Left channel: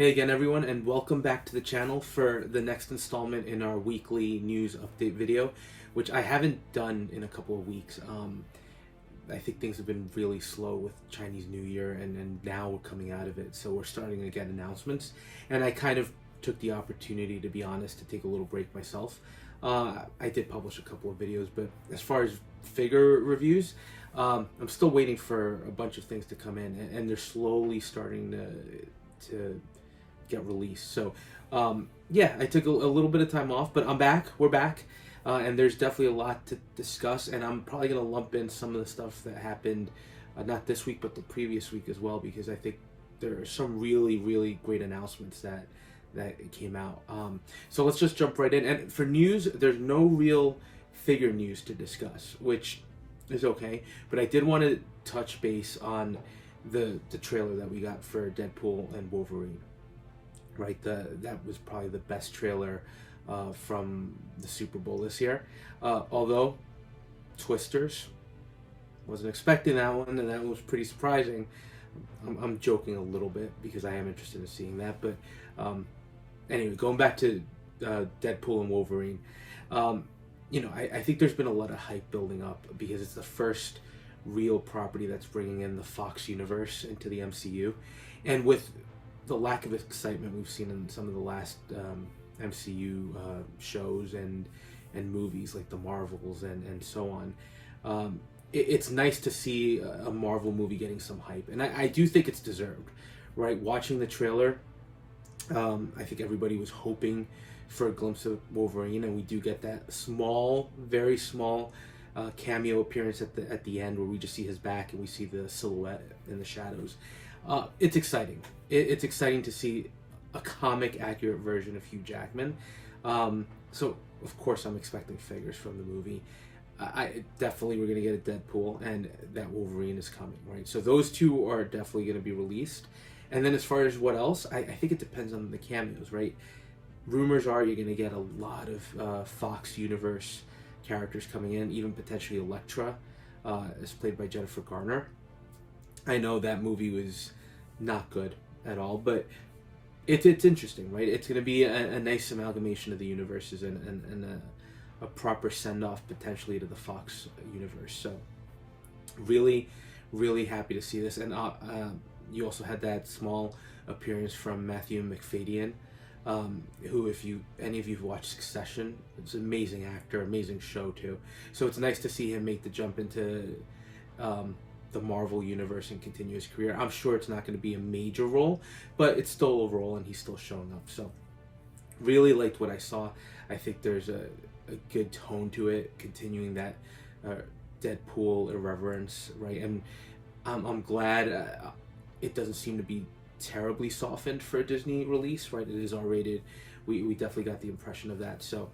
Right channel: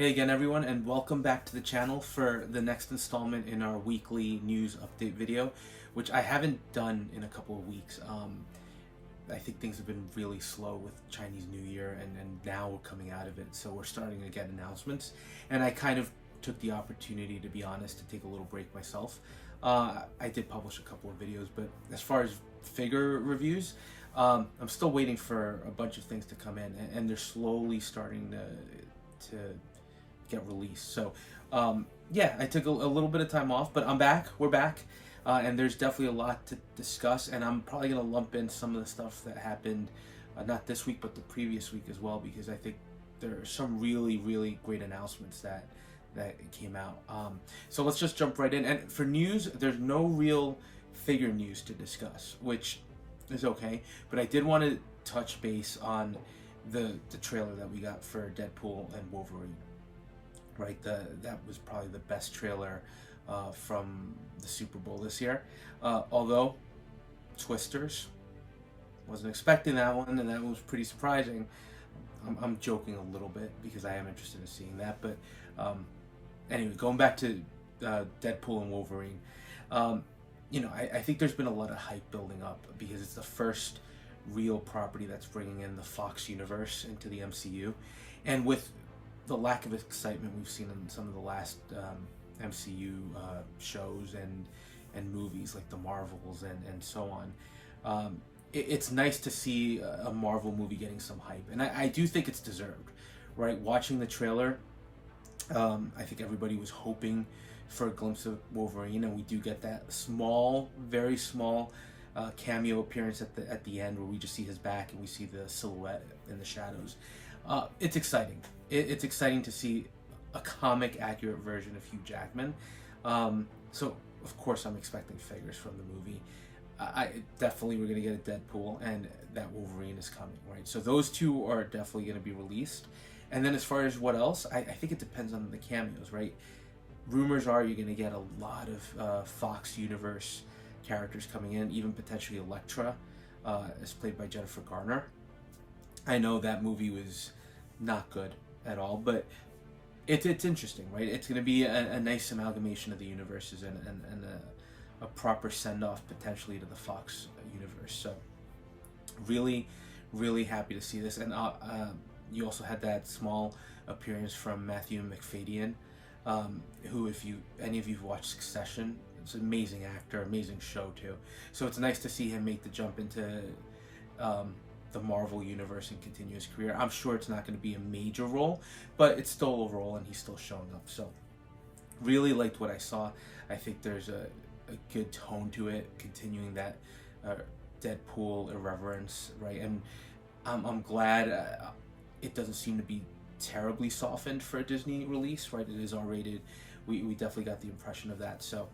Hey again everyone, and welcome back to the channel for the next installment in our weekly news update video, which I haven't done in a couple of weeks. I think things have been really slow with Chinese New Year, and now we're coming out of it, so we're starting to get announcements. And I kind of took the opportunity, to be honest, to take a little break myself. I did publish a couple of videos, but as far as figure reviews, I'm still waiting for a bunch of things to come in, and they're slowly starting to get released. So yeah, I took a little bit of time off, but I'm back. We're back, and there's definitely a lot to discuss, and I'm probably gonna lump in some of the stuff that happened not this week but the previous week as well, because I think there are some really great announcements that came out. So let's just jump right in. And for news, there's no real figure news to discuss, which is okay, but I did want to touch base on the trailer that we got for Deadpool and Wolverine. Right, that was probably the best trailer from the Super Bowl this year. Although Twisters, wasn't expecting that one, and that was pretty surprising. I'm joking a little bit because I am interested in seeing that. But anyway, going back to Deadpool and Wolverine, I think there's been a lot of hype building up because it's the first real property that's bringing in the Fox universe into the MCU, and with the lack of excitement we've seen in some of the last MCU shows and movies like the Marvels and so on, it's nice to see a Marvel movie getting some hype, and I do think it's deserved. Right, watching the trailer, I think everybody was hoping for a glimpse of Wolverine, and we do get that small, very small cameo appearance at the end where we just see his back and we see the silhouette in the shadows. It's exciting. It's exciting to see a comic accurate version of Hugh Jackman. So of course I'm expecting figures from the movie. I definitely, we're gonna get a Deadpool, and that Wolverine is coming, right? So those two are definitely gonna be released. And then as far as what else, I think it depends on the cameos, right? Rumors are you're gonna get a lot of Fox universe characters coming in, even potentially Elektra, is played by Jennifer Garner. I know that movie was not good at all, but it's interesting, right? It's going to be a nice amalgamation of the universes and a proper send-off potentially to the Fox universe. So really happy to see this. And you also had that small appearance from Matthew Macfadyen, who, if any of you've watched Succession, it's an amazing actor, amazing show too. So it's nice to see him make the jump into the Marvel universe and continue his career. I'm sure it's not going to be a major role, but it's still a role, and he's still showing up. So really liked what I saw. I think there's a good tone to it, continuing that Deadpool irreverence, right? And I'm glad it doesn't seem to be terribly softened for a Disney release, right? It is R-rated. We definitely got the impression of that. So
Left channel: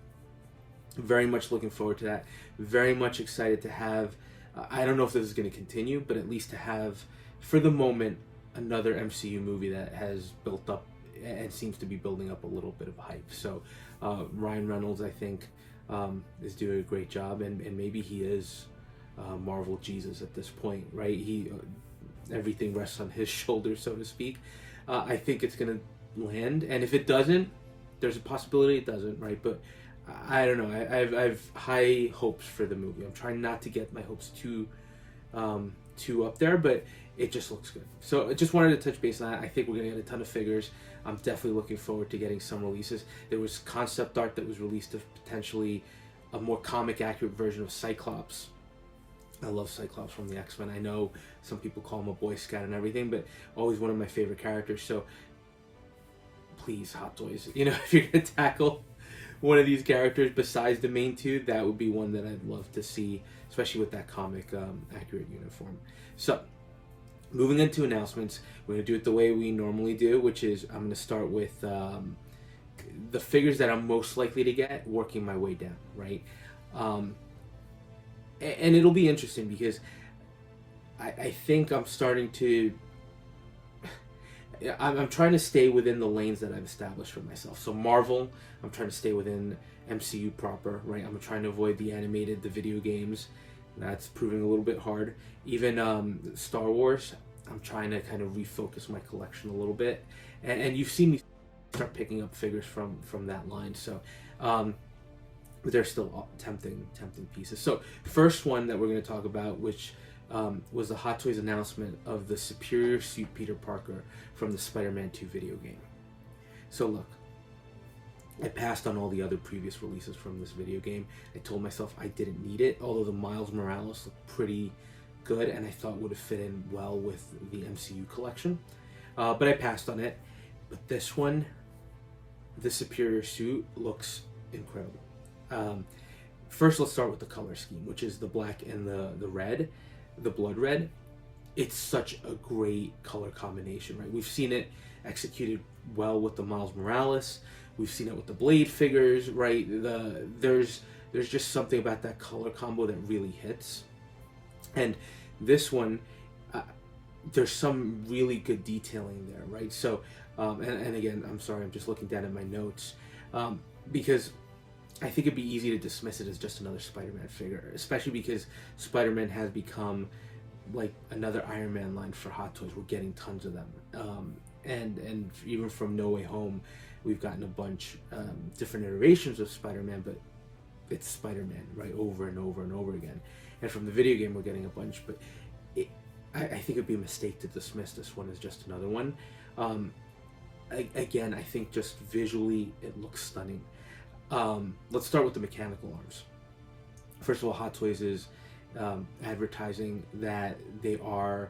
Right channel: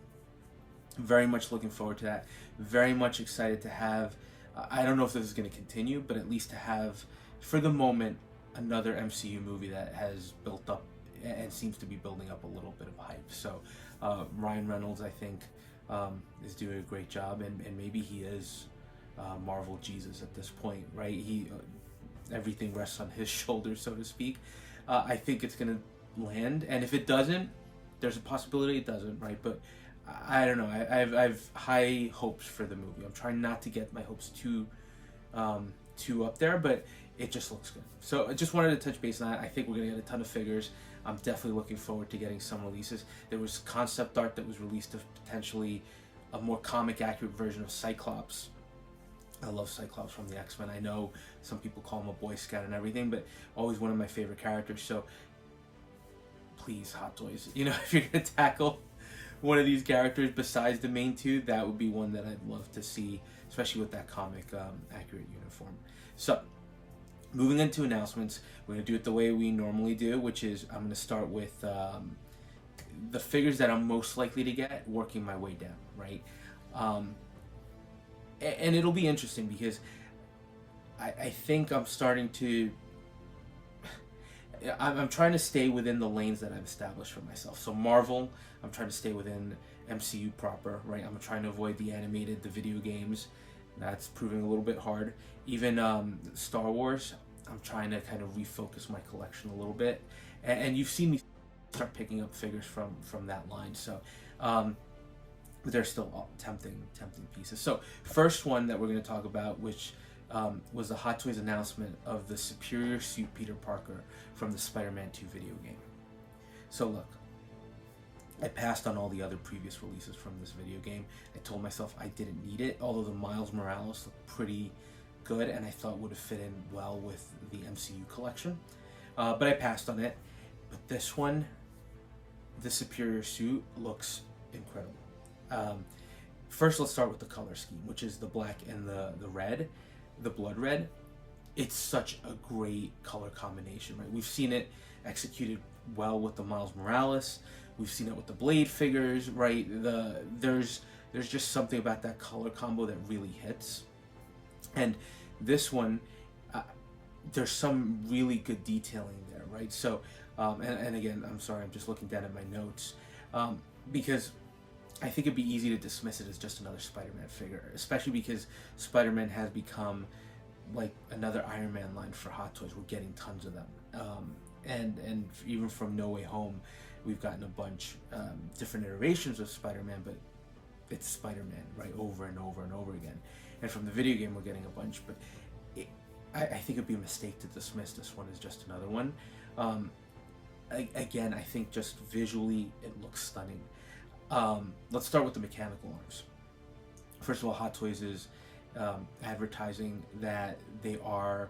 very much looking forward to that. Very much excited to have, I don't know if this is going to continue, but at least to have, for the moment, another MCU movie that has built up and seems to be building up a little bit of hype. So Ryan Reynolds, I think, is doing a great job, and maybe he is Marvel Jesus at this point, right? Everything rests on his shoulders, so to speak. I think it's going to land, and if it doesn't, there's a possibility it doesn't, right? But I don't know. I have high hopes for the movie. I'm trying not to get my hopes too up there, but it just looks good. So I just wanted to touch base on that. I think we're gonna get a ton of figures. I'm definitely looking forward to getting some releases. There was concept art that was released of potentially a more comic accurate version of Cyclops. I love Cyclops from the X-Men. I know some people call him a Boy Scout and everything, but always one of my favorite characters. So please, Hot Toys, if you're gonna tackle one of these characters besides the main two, that would be one that I'd love to see, especially with that comic accurate uniform. So moving into announcements, we're going to do it the way we normally do, which is I'm going to start with the figures that I'm most likely to get, working my way down, right? And it'll be interesting because I think I'm starting to, I'm trying to stay within the lanes that I've established for myself. So Marvel, I'm trying to stay within MCU proper, right? I'm trying to avoid the animated, the video games. That's proving a little bit hard. Even Star Wars, I'm trying to kind of refocus my collection a little bit. and you've seen me start picking up figures from that line. So but they're still tempting pieces. So first one that we're going to talk about, which was the Hot Toys announcement of the Superior Suit Peter Parker from the Spider-Man 2 video game. So look, I passed on all the other previous releases from this video game. I told myself I didn't need it, although the Miles Morales looked pretty good and I thought would have fit in well with the MCU collection. But I passed on it. But this one, the Superior Suit, looks incredible. First, let's start with the color scheme, which is the black and the red, the blood red. It's such a great color combination, right? We've seen it executed well with the Miles Morales. We've seen it with the Blade figures, right? There's just something about that color combo that really hits. And this one, there's some really good detailing there, right? So, and again, I'm sorry, I'm just looking down at my notes, because I think it'd be easy to dismiss it as just another Spider-Man figure, especially because Spider-Man has become like another Iron Man line for Hot Toys. We're getting tons of them, and even from No Way Home, we've gotten a bunch, different iterations of Spider-Man, but it's Spider-Man, right, over and over and over again. And from the video game, we're getting a bunch, but I think it'd be a mistake to dismiss this one as just another one. Again, I think just visually, it looks stunning. Let's start with the mechanical arms. First of all, Hot Toys is advertising that they are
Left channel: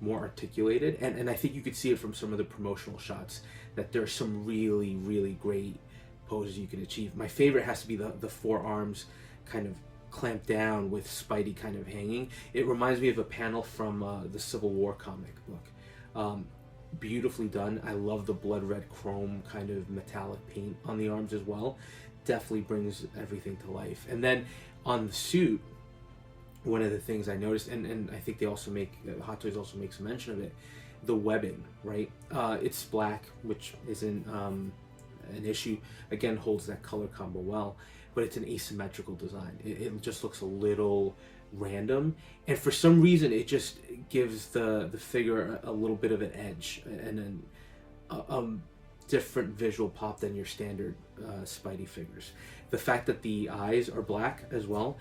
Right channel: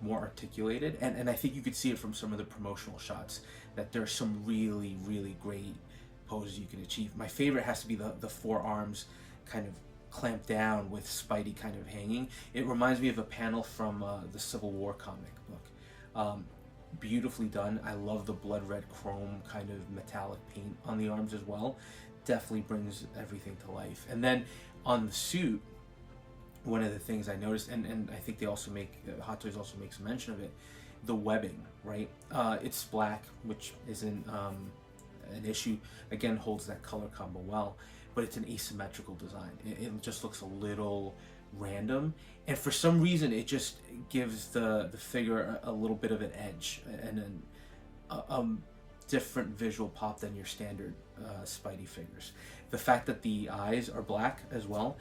more articulated, and I think you could see it from some of the promotional shots that there's some really, really great poses you can achieve. My favorite has to be the forearms kind of clamped down with Spidey kind of hanging. It reminds me of a panel from the Civil War comic book. Beautifully done. I love the blood red chrome kind of metallic paint on the arms as well. Definitely brings everything to life. And then on the suit, one of the things I noticed, and I think they also make, Hot Toys also makes mention of it, the webbing, right? It's black, which isn't an issue. Again, holds that color combo well, but it's an asymmetrical design. It just looks a little random, and for some reason it just gives the figure a little bit of an edge and a different visual pop than your standard Spidey figures. The fact that the eyes are black as well,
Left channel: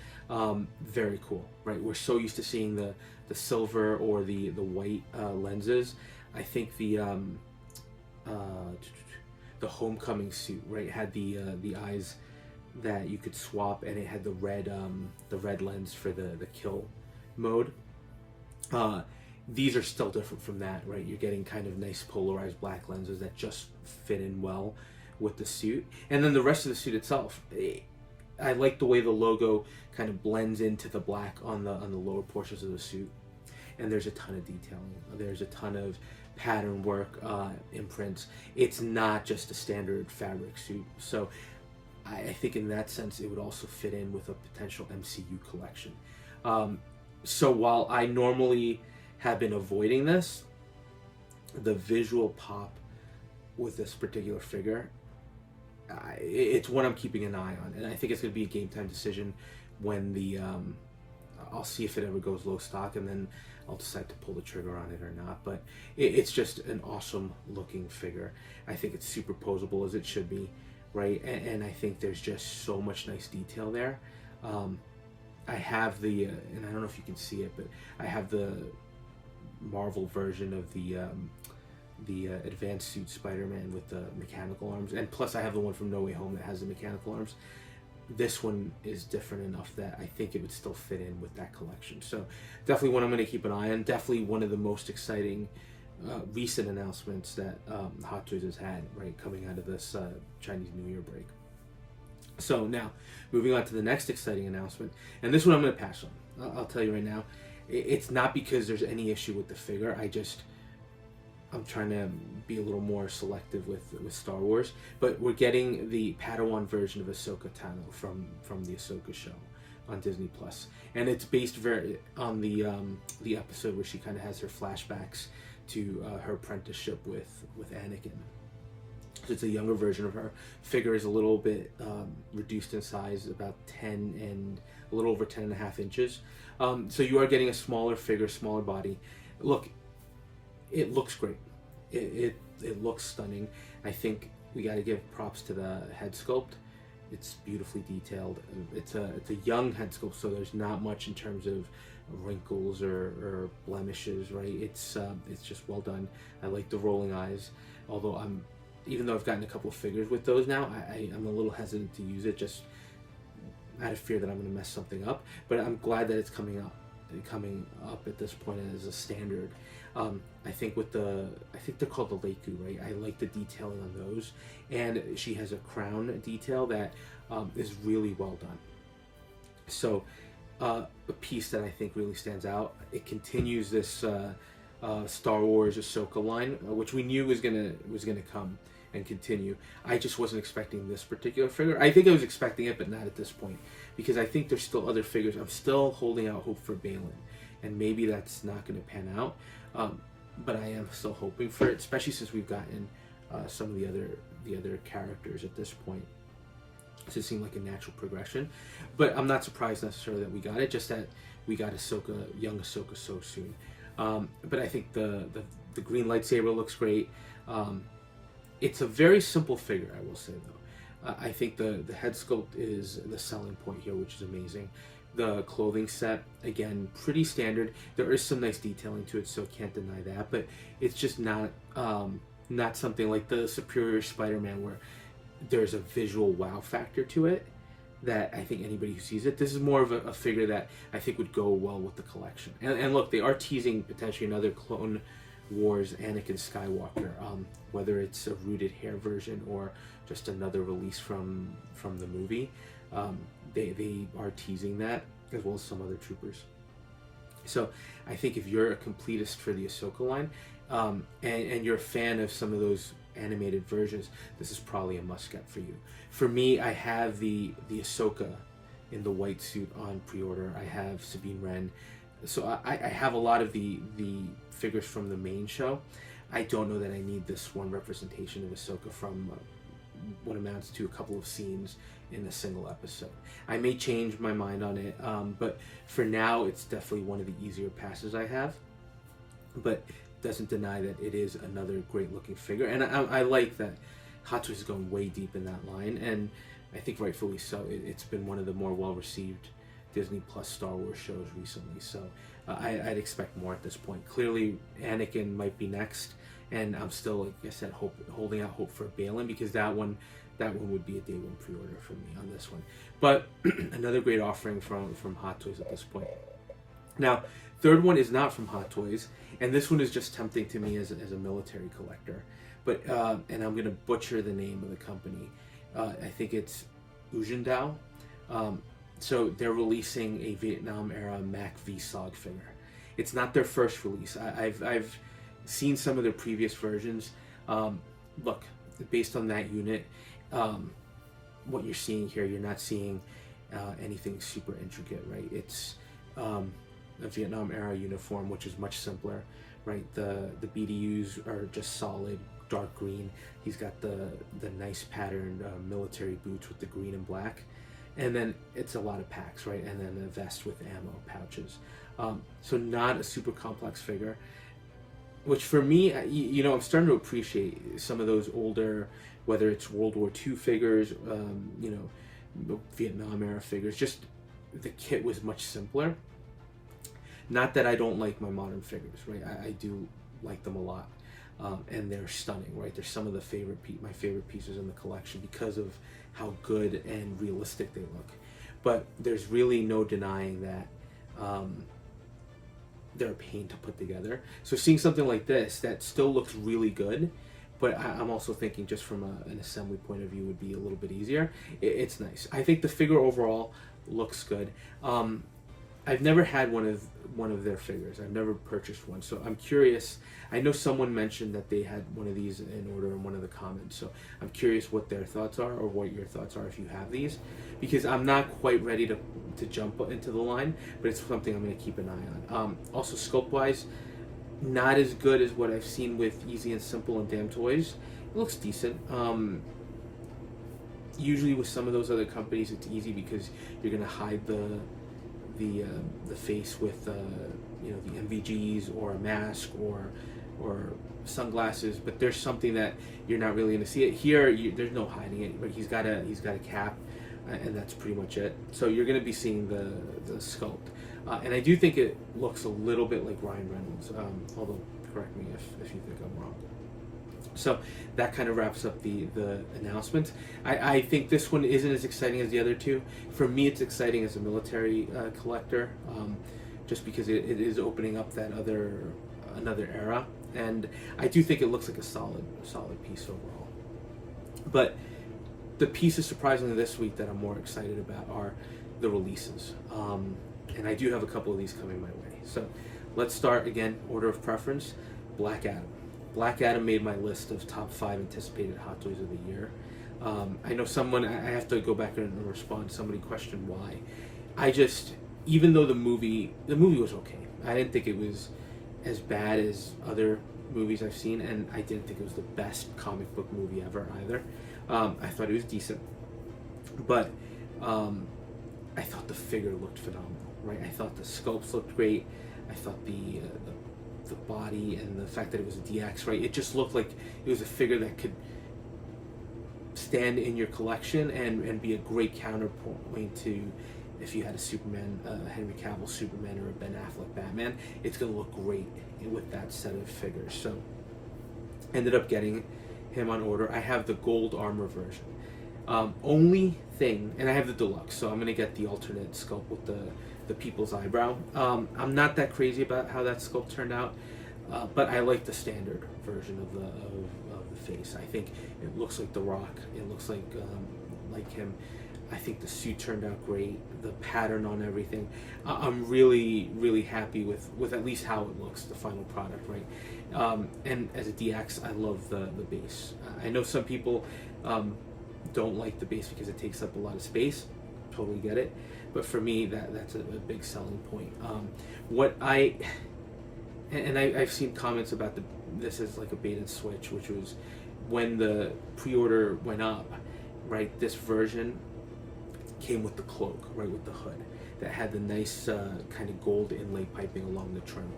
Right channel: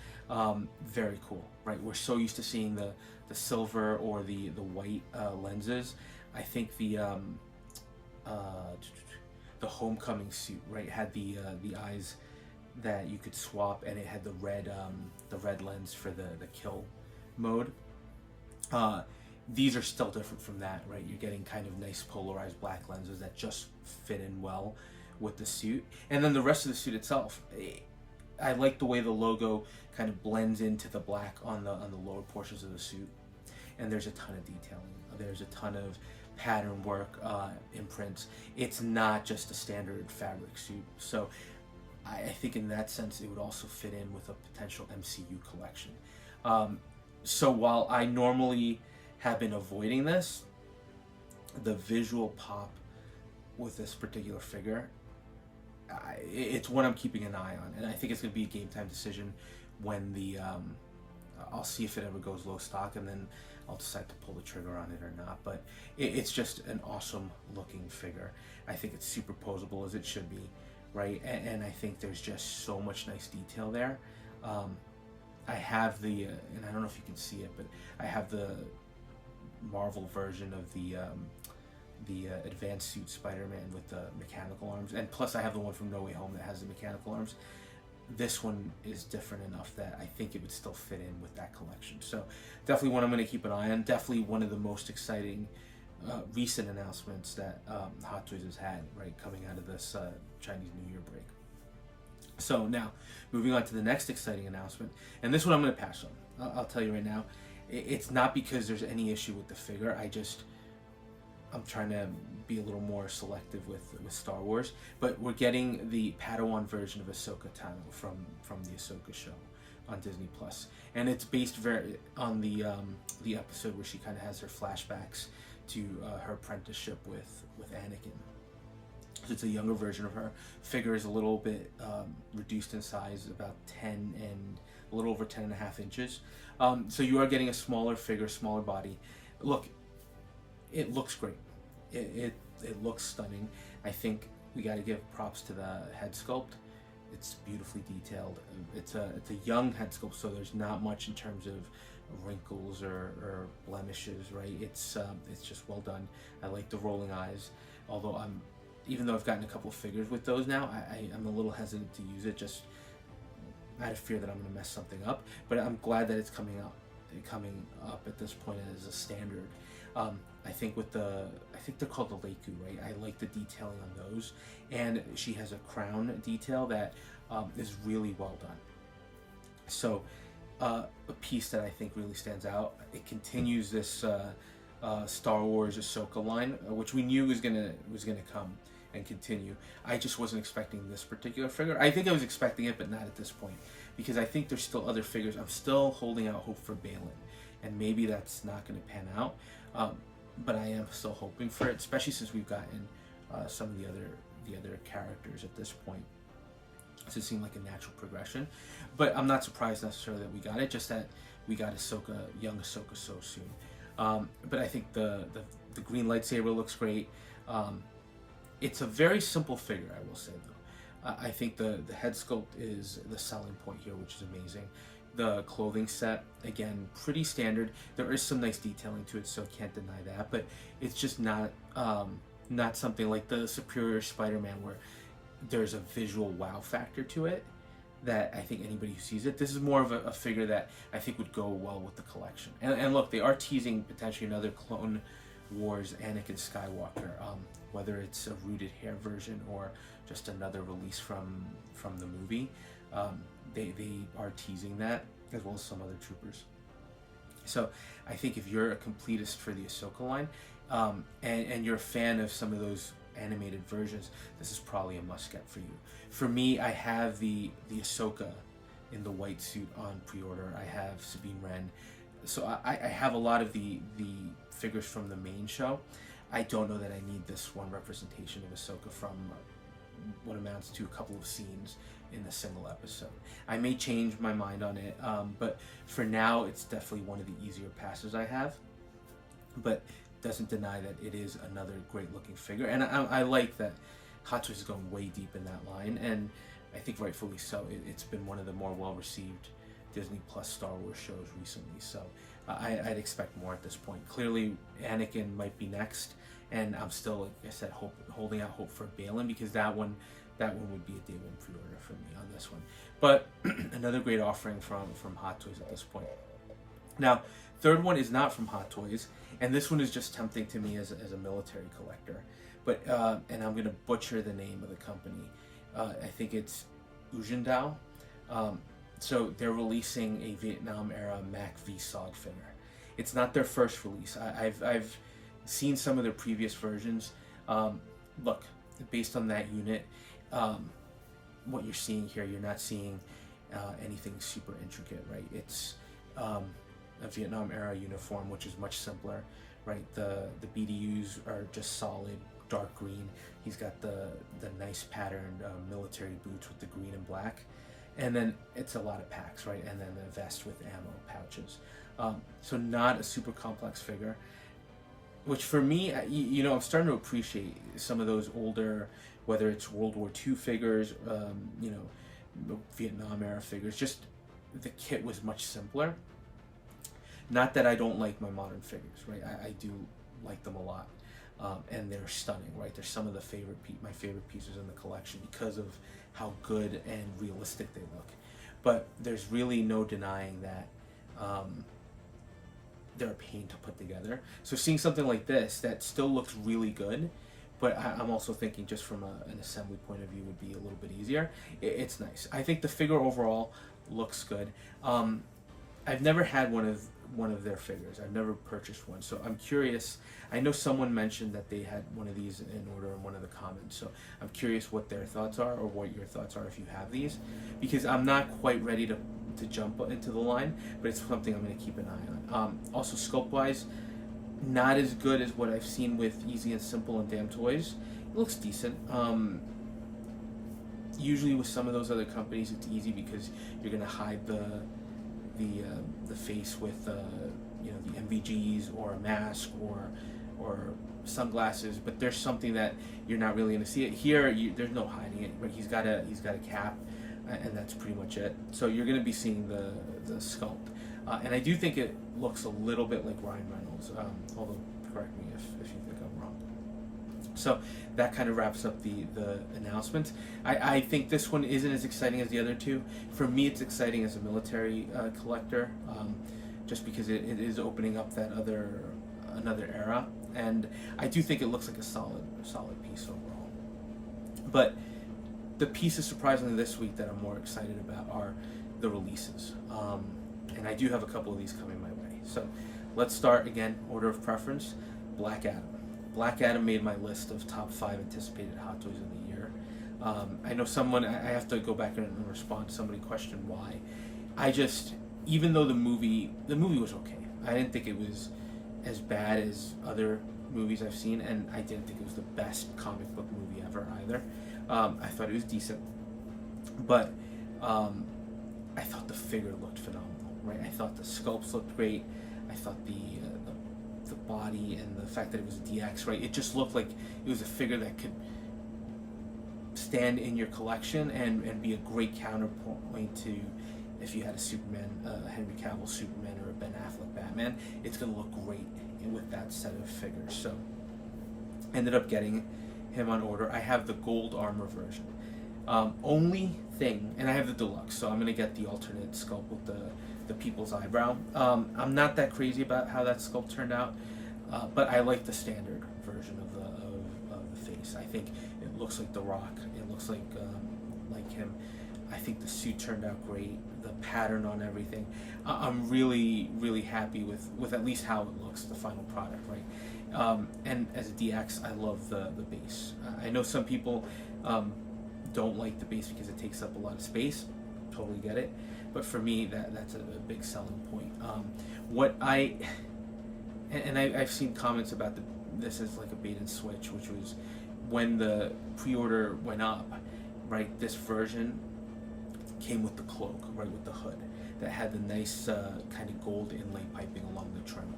very cool, right? We're so used to seeing the silver or the white lenses. I think the Homecoming suit, right, had the eyes that you could swap, and it had the red lens for the kill mode. These are still different from that, right? You're getting kind of nice polarized black lenses that just fit in well with the suit. And then the rest of the suit itself, I like the way the logo kind of blends into the black on the lower portions of the suit. And there's a ton of detailing. There's a ton of pattern work, imprints. It's not just a standard fabric suit. So I think in that sense, it would also fit in with a potential MCU collection. So while I normally have been avoiding this, the visual pop with this particular figure, it's one I'm keeping an eye on. And I think it's going to be a game time decision when I'll see if it ever goes low stock, and then I'll decide to pull the trigger on it or not. But it's just an awesome looking figure. I think it's super posable as it should be, right? And I think there's just so much nice detail there. I have and I don't know if you can see it, but I have the Marvel version of the advanced suit Spider-Man with the mechanical arms, and plus I have the one from No Way Home that has the mechanical arms. This one is different enough that I think it would still fit in with that collection. So definitely one I'm going to keep an eye on. Definitely one of the most exciting recent announcements that Hot Toys has had, right, coming out of this Chinese New Year break. So now, moving on to the next exciting announcement, and this one I'm going to pass on. I'll tell you right now, it's not because there's any issue with the figure. I'm trying to be a little more selective with Star Wars, but we're getting the Padawan version of Ahsoka Tano from the Ahsoka show on Disney Plus, and it's based on the episode where she kind of has her flashbacks to her apprenticeship with Anakin. So it's a younger version of her. Figure is a little bit reduced in size, about 10 and a little over 10.5 inches. So you are getting a smaller figure, smaller body. Look, it looks great. It It looks stunning. I think we got to give props to the head sculpt. It's beautifully detailed. It's a young head sculpt, so there's not much in terms of wrinkles or blemishes, right? It's just well done. I like the rolling eyes, although even though I've gotten a couple of figures with those now, I'm a little hesitant to use it, just out of fear that I'm going to mess something up. But I'm glad that it's coming up at this point as a standard. I think they're called the Leiku, right? I like the detailing on those, and she has a crown detail that is really well done. So a piece that I think really stands out. It continues this Star Wars Ahsoka line, which we knew was gonna come and continue. I just wasn't expecting this particular figure. I think I was expecting it, but not at this point, because I think there's still other figures. I'm still holding out hope for Balin, and maybe that's not going to pan out. But I am still hoping for it, especially since we've gotten some of the other characters at this point. So it seemed like a natural progression. But I'm not surprised necessarily that we got it, just that we got young Ahsoka so soon. But I think the green lightsaber looks great. It's a very simple figure, I will say, though. I think the head sculpt is the selling point here, which is amazing. The clothing set, again, pretty standard. There is some nice detailing to it, so can't deny that. But it's just not something like the Superior Spider-Man, where there's a visual wow factor to it that I think anybody who sees it. This is more of a figure that I think would go well with the collection. And look, they are teasing potentially another Clone Wars Anakin Skywalker, whether it's a rooted hair version or just another release from the movie. They are teasing that, as well as some other troopers. So I think if you're a completist for the Ahsoka line, and you're a fan of some of those animated versions, this is probably a must-get for you. For me, I have the Ahsoka in the white suit on pre-order. I have Sabine Wren. So I have a lot of the figures from the main show. I don't know that I need this one representation of Ahsoka from what amounts to a couple of scenes in a single episode. I may change my mind on it, but for now, it's definitely one of the easier passes I have. But doesn't deny that it is another great looking figure, and I like that Hot Toys is going way deep in that line, and I think rightfully so. It's been one of the more well received Disney Plus Star Wars shows recently, so I'd expect more at this point. Clearly, Anakin might be next, and I'm still, like I said, holding out hope for Balin, because that one would be a day one pre-order for me on this one. But another great offering from Hot Toys at this point. Now, third one is not from Hot Toys, and this one is just tempting to me as a military collector. But and I'm gonna butcher the name of the company. I think it's Ujindao. So they're releasing a Vietnam era Mac V-Sog figure. It's not their first release. I've seen some of their previous versions. Look, based on that unit, what you're seeing here, you're not seeing anything super intricate, right? It's a Vietnam era uniform, which is much simpler, right? The BDUs are just solid dark green. He's got the nice patterned military boots with the green and black. And then it's a lot of packs, right? And then the vest with ammo pouches. So not a super complex figure, which for me, I'm starting to appreciate some of those older, whether it's World War II figures, Vietnam era figures. Just the kit was much simpler. Not that I don't like my modern figures, right? I do like them a lot. And they're stunning, right? They're some of my favorite pieces in the collection because of how good and realistic they look. But there's really no denying that they're a pain to put together. So seeing something like this that still looks really good, but I'm also thinking just from an assembly point of view would be a little bit easier. It's nice. I think the figure overall looks good. I've never had one of their figures. I've never purchased one, so I'm curious. I know someone mentioned that they had one of these in order in one of the comments, so I'm curious what their thoughts are, or what your thoughts are if you have these, because I'm not quite ready to jump into the line, but it's something I'm going to keep an eye on. Also, scope-wise, not as good as what I've seen with Easy and Simple and Damn Toys. It looks decent. Usually with some of those other companies, it's easy because you're going to hide the face with the MVGs or a mask or or sunglasses, but there's something that you're not really going to see it here. There's no hiding it, right? He's got a cap, and that's pretty much it. So you're going to be seeing the sculpt, and I do think it looks a little bit like Ryan Reynolds, although correct me if you think I'm wrong. So that kind of wraps up the announcement. I think this one isn't as exciting as the other two. For me, it's exciting as a military collector, just because it is opening up that another era, and I do think it looks like a solid piece overall. But the pieces surprisingly this week that I'm more excited about are the releases, and I do have a couple of these coming my way. So let's start again, order of preference. Black Adam. Black Adam made my list of top 5 anticipated Hot Toys of the year. I know I have to go back and respond. Somebody questioned why. Even though the movie was okay. I didn't think it was as bad as other movies I've seen, and I didn't think it was the best comic book movie ever either. I thought it was decent, but I thought the figure looked phenomenal, right? I thought the sculpts looked great. I thought the body and the fact that it was a DX, right? It just looked like it was a figure that could stand in your collection and be a great counterpoint to if you had a Superman, a Henry Cavill Superman, or a Ben Affleck Batman. It's gonna look great with that set of figures. So ended up getting him on order. I have the gold armor version. Only thing, and I have the deluxe, so I'm gonna get the alternate sculpt with the people's eyebrow. I'm not that crazy about how that sculpt turned out, but I like the standard version of the face. I think it looks like The Rock. It looks like him. I think the suit turned out great. The pattern on everything. I'm really, really happy with at least how it looks, the final product, right? And as a DX, I love the base. I know some people don't like the base because it takes up a lot of space. Totally get it. But for me, that's a big selling point. I've seen comments about this is like a bait and switch, which was when the pre-order went up, right? This version came with the cloak, right, with the hood that had the nice kind of gold inlay piping along the trim.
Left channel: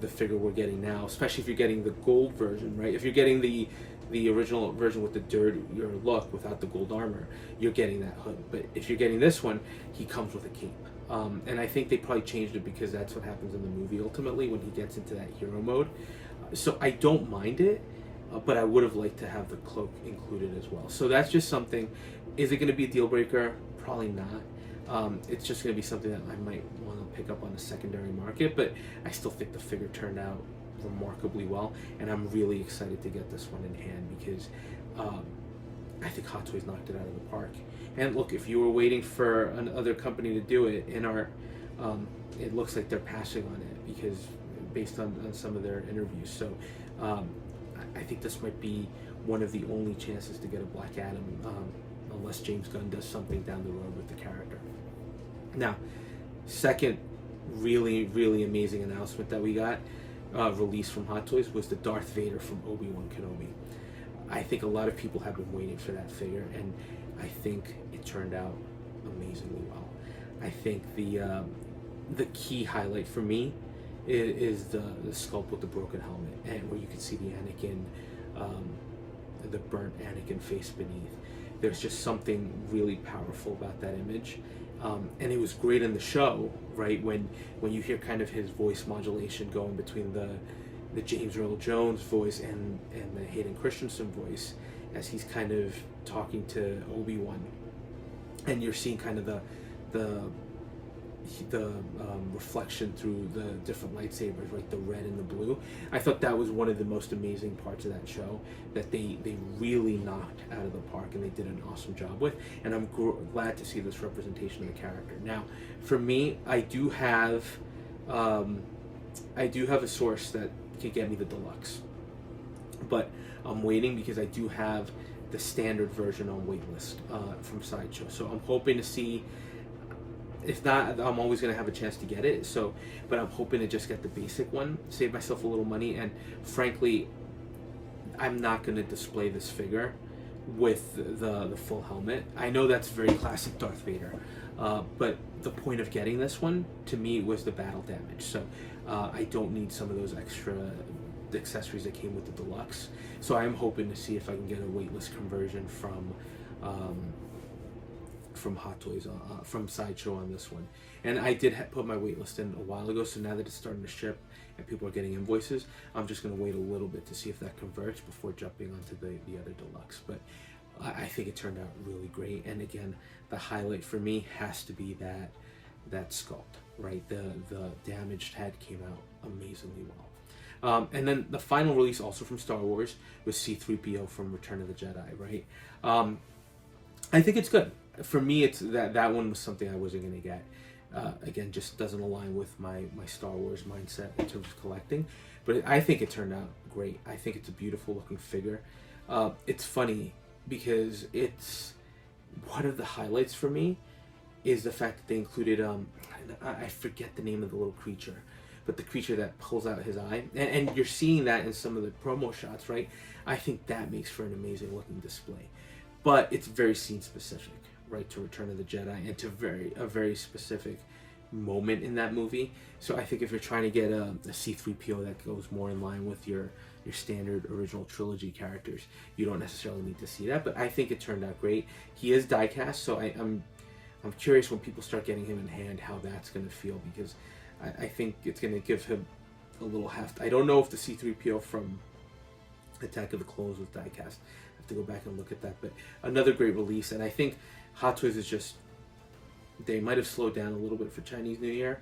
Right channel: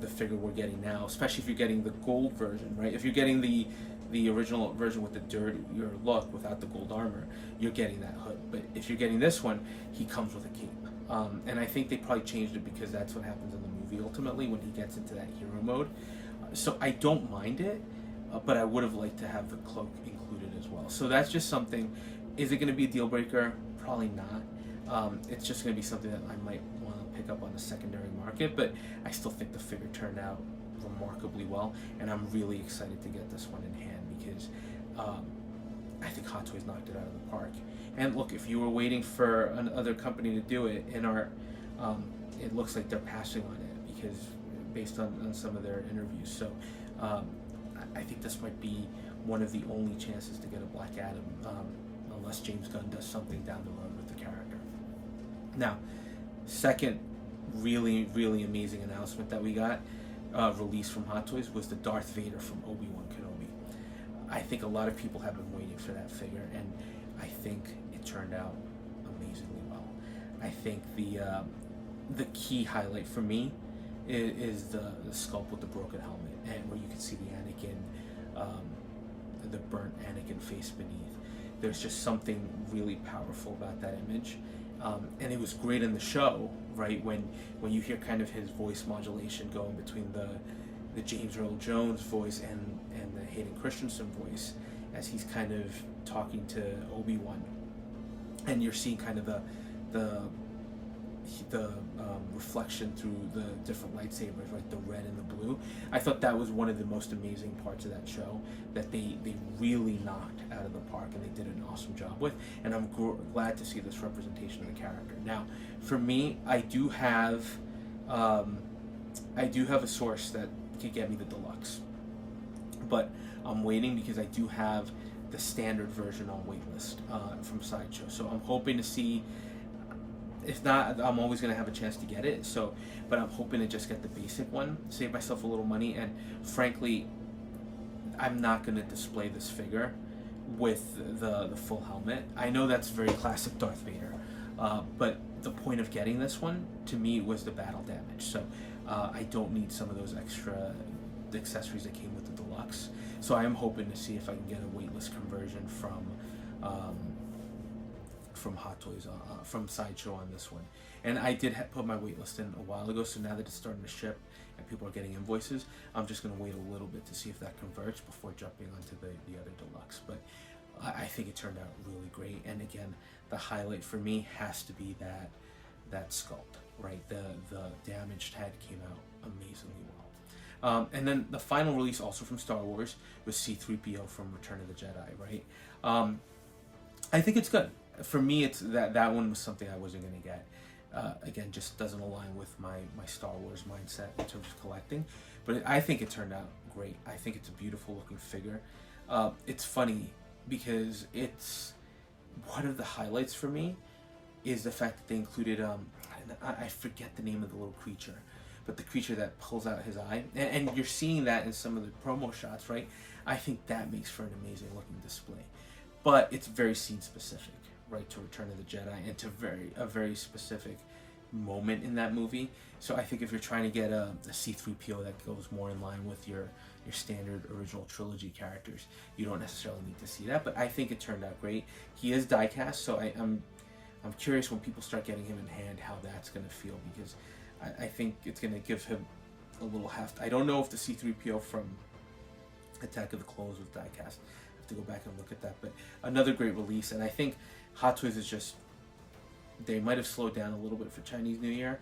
The figure we're getting now, especially if you're getting the gold version, right? If you're getting the original version with the dirtier look without the gold armor, you're getting that hood. But if you're getting this one, he comes with a cape. And I think they probably changed it because that's what happens in the movie ultimately when he gets into that hero mode. So I don't mind it, but I would have liked to have the cloak included as well. So that's just something. Is it going to be a deal breaker? Probably not. It's just going to be something that I might want to pick up on the secondary market, but I still think the figure turned out remarkably well, and I'm really excited to get this one in hand because I think Hot Toys knocked it out of the park. And look, if you were waiting for another company to do it, it looks like they're passing on it because based on some of their interviews. So I think this might be one of the only chances to get a Black Adam, unless James Gunn does something down the road with the character. Now, second really, really amazing announcement that we got released from Hot Toys was the Darth Vader from Obi-Wan Kenobi. I think a lot of people have been waiting for that figure, and I think it turned out amazingly well. I think the key highlight for me is the sculpt with the broken helmet, and where you can see the Anakin, the burnt Anakin face beneath. There's just something really powerful about that image. And it was great in the show, right? When you hear kind of his voice modulation going between the James Earl Jones voice and the Hayden Christensen voice as he's kind of talking to Obi-Wan, and you're seeing kind of the reflection through the different lightsabers, right? The red and the blue. I thought that was one of the most amazing parts of that show that they really knocked out of the park, and they did an awesome job with. And I'm glad to see this representation of the character. Now, for me, I do have a source that can get me the deluxe, but I'm waiting because I do have the standard version on waitlist from Sideshow. So I'm hoping to see. If not, I'm always going to have a chance to get it. So, but I'm hoping to just get the basic one, save myself a little money, and frankly, I'm not going to display this figure with the full helmet. I know that's very classic Darth Vader, but the point of getting this one to me was the battle damage. So I don't need some of those extra accessories that came with the deluxe. So I am hoping to see if I can get a waitlist conversion from Hot Toys, from Sideshow on this one. And I did put my waitlist in a while ago, so now that it's starting to ship and people are getting invoices, I'm just going to wait a little bit to see if that converts before jumping onto the other deluxe. But I think it turned out really great. And again, the highlight for me has to be that sculpt, right? The damaged head came out amazingly well. And then the final release, also from Star Wars, was C-3PO from Return of the Jedi, right? I think it's good. For me, it's that one was something I wasn't going to get. Again, just doesn't align with my Star Wars mindset in terms of collecting. But I think it turned out great. I think it's a beautiful looking figure. It's funny because it's one of the highlights for me is the fact that they included, I forget the name of the little creature, but the creature that pulls out his eye. And you're seeing that in some of the promo shots, right? I think that makes for an amazing looking display. But it's very scene specific, right, to Return of the Jedi and to a very specific moment in that movie. So I think if you're trying to get a C-3PO that goes more in line with your standard original trilogy characters, you don't necessarily need to see that. But I think it turned out great. He is die-cast, so I'm curious when people start getting him in hand how that's going to feel, because I think it's going to give him a little heft. I don't know if the C-3PO from Attack of the Clones was die-cast. I have to go back and look at that. But another great release, and I think Hot Toys is just, they might have slowed down a little bit for Chinese New Year.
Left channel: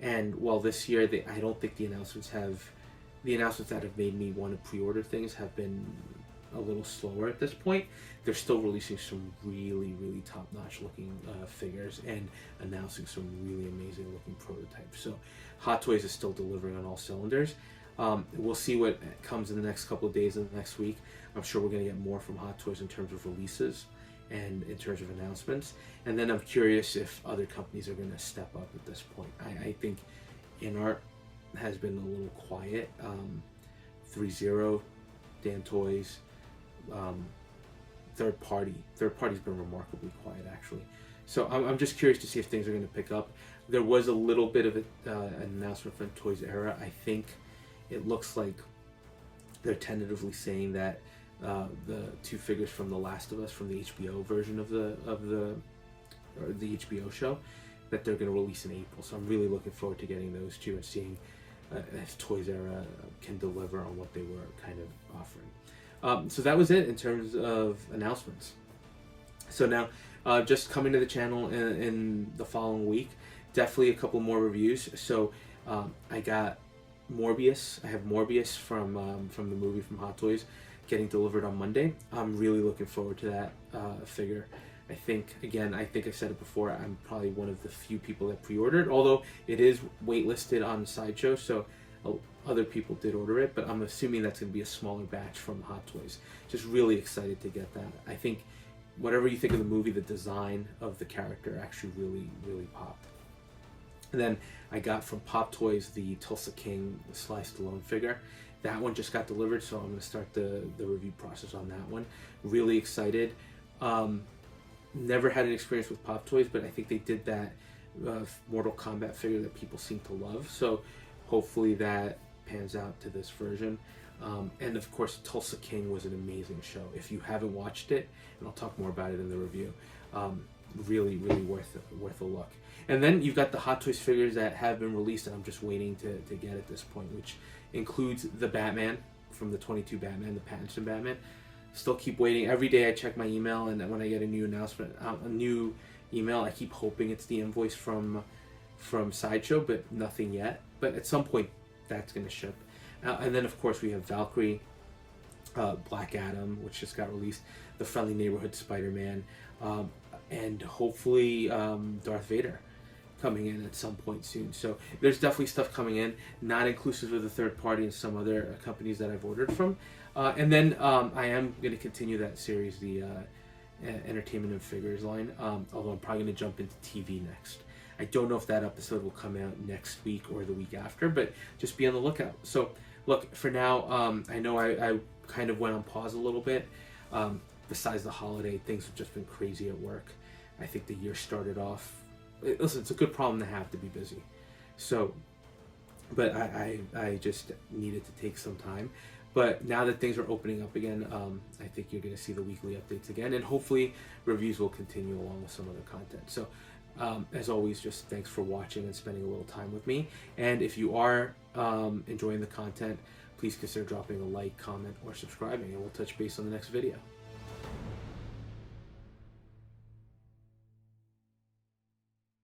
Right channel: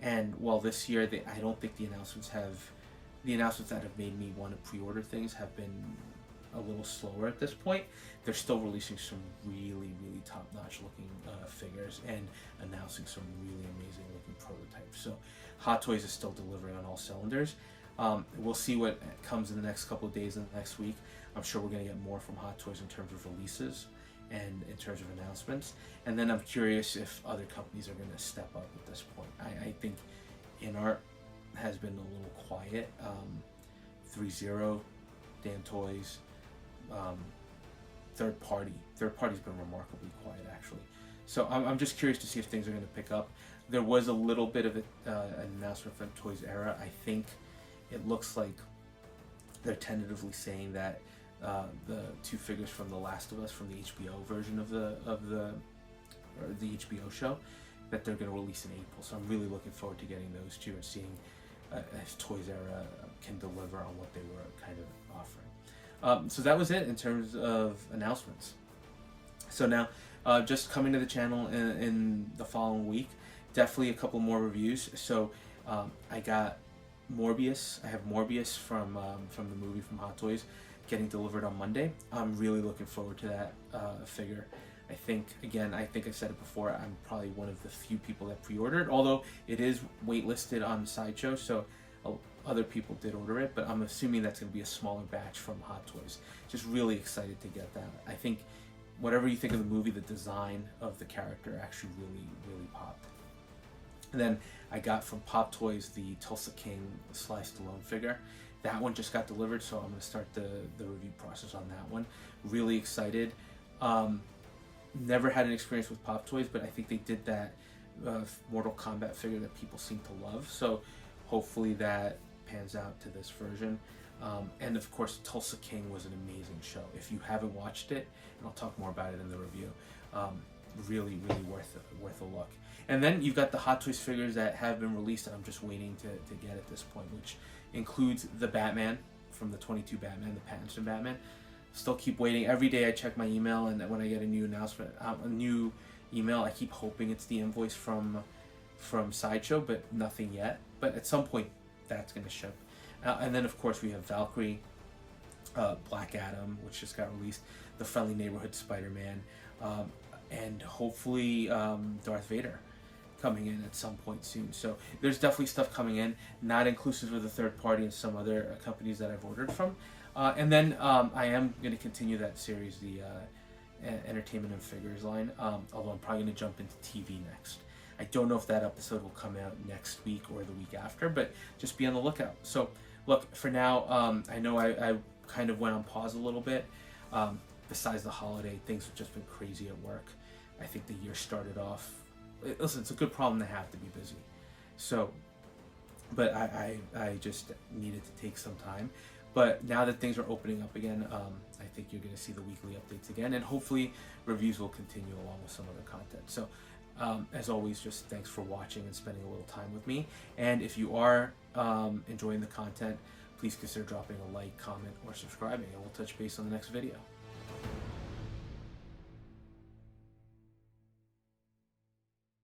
And while this year, I don't think the announcements that have made me want to pre-order things have been a little slower at this point. They're still releasing some really, really top-notch looking figures and announcing some really amazing looking prototypes. So Hot Toys is still delivering on all cylinders. We'll see what comes in the next couple of days and the next week. I'm sure we're going to get more from Hot Toys in terms of releases and in terms of announcements. And then I'm curious if other companies are going to step up at this point. I think InArt has been a little quiet. 3-0, Dan Toys, third party's been remarkably quiet actually. So I'm just curious to see if things are going to pick up. There was a little bit of an announcement from Toys Era. I think it looks like they're tentatively saying that the two figures from The Last of Us, from the HBO version of the HBO show, that they're going to release in April. So I'm really looking forward to getting those two and seeing if Toys Era can deliver on what they were kind of offering. So that was it in terms of announcements. So now, just coming to the channel in the following week, definitely a couple more reviews. So I got Morbius. I have Morbius from the movie from Hot Toys getting delivered on Monday. I'm really looking forward to that figure. I think I said it before, I'm probably one of the few people that pre-ordered, although it is waitlisted on the Sideshow, so other people did order it, but I'm assuming that's going to be a smaller batch from Hot Toys. Just really excited to get that. I think whatever you think of the movie, the design of the character actually really, really popped. And then I got from Pop Toys the Tulsa King Sly Stallone figure. That one just got delivered, so I'm going to start the review process on that one. Really excited. Never had an experience with Pop Toys, but I think they did that Mortal Kombat figure that people seem to love. So hopefully that pans out to this version. And of course, Tulsa King was an amazing show. If you haven't watched it, and I'll talk more about it in the review, really, really worth a look. And then you've got the Hot Toys figures that have been released, and I'm just waiting to get at this point, which includes the Batman from the 22 Batman, the Pattinson Batman. Still keep waiting. Every day I check my email, and when I get a new announcement, a new email, I keep hoping it's the invoice from Sideshow, but nothing yet. But at some point, that's going to ship. And then, of course, we have Valkyrie, Black Adam, which just got released, the Friendly Neighborhood Spider-Man, and hopefully Darth Vader coming in at some point soon. So there's definitely stuff coming in, not inclusive of the third party and some other companies that I've ordered from. And then I am going to continue that series, the Entertainment and Figures line, although I'm probably going to jump into TV next. I don't know if that episode will come out next week or the week after, but just be on the lookout. So look, for now, I know I kind of went on pause a little bit. Besides the holiday, things have just been crazy at work. I think the year started off listen, it's a good problem to have, to be busy. So, but I just needed to take some time. But now that things are opening up again, I think you're going to see the weekly updates again, and hopefully reviews will continue along with some other content. So, as always, just thanks for watching and spending a little time with me. And if you are enjoying the content, please consider dropping a like, comment, or subscribing, and we'll touch base on the next video.